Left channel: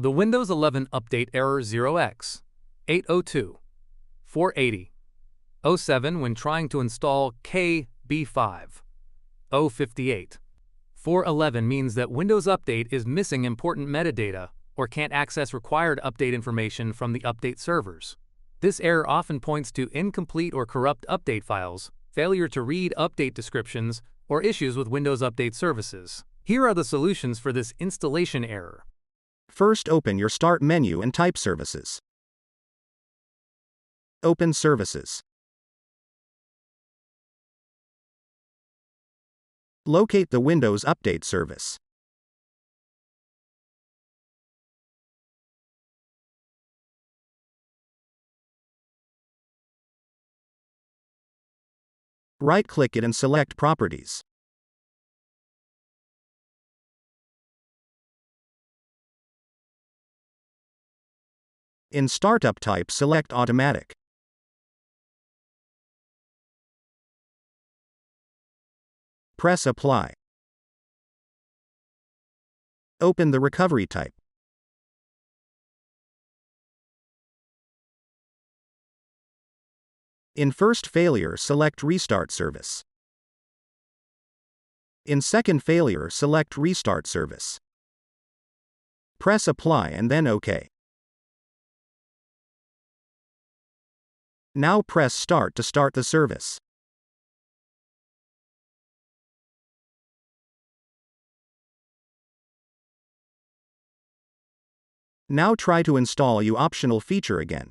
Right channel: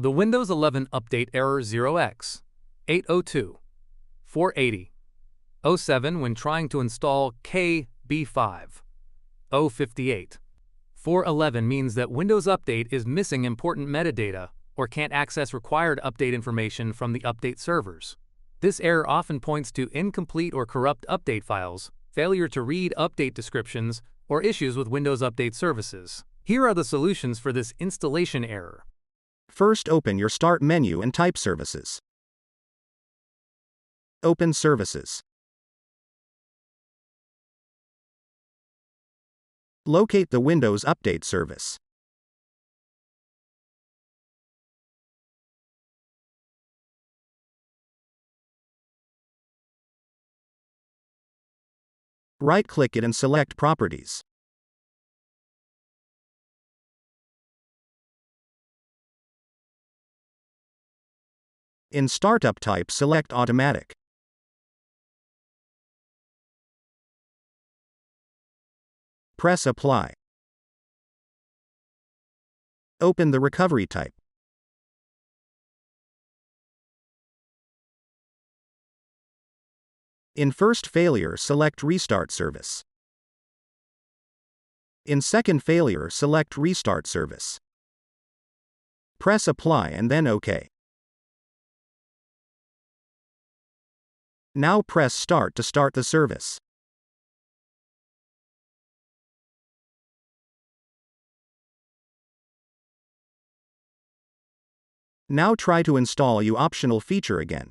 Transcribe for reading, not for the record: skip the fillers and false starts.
The Windows 11 update error 0x80248007 when trying to install KB5058411 means that Windows Update is missing important metadata or can't access required update information from the update servers. This error often points to incomplete or corrupt update files, failure to read update descriptions, or issues with Windows Update services. Here are the solutions for this installation error. First, open your Start menu and type Services. Open Services. Locate the Windows Update service. Right-click it and select Properties. In Startup type, select Automatic. Press Apply. Open the recovery type. In first failure, select Restart service. In second failure, select Restart service. Press Apply and then OK. Now press Start to start the service. Now try to install your optional feature again.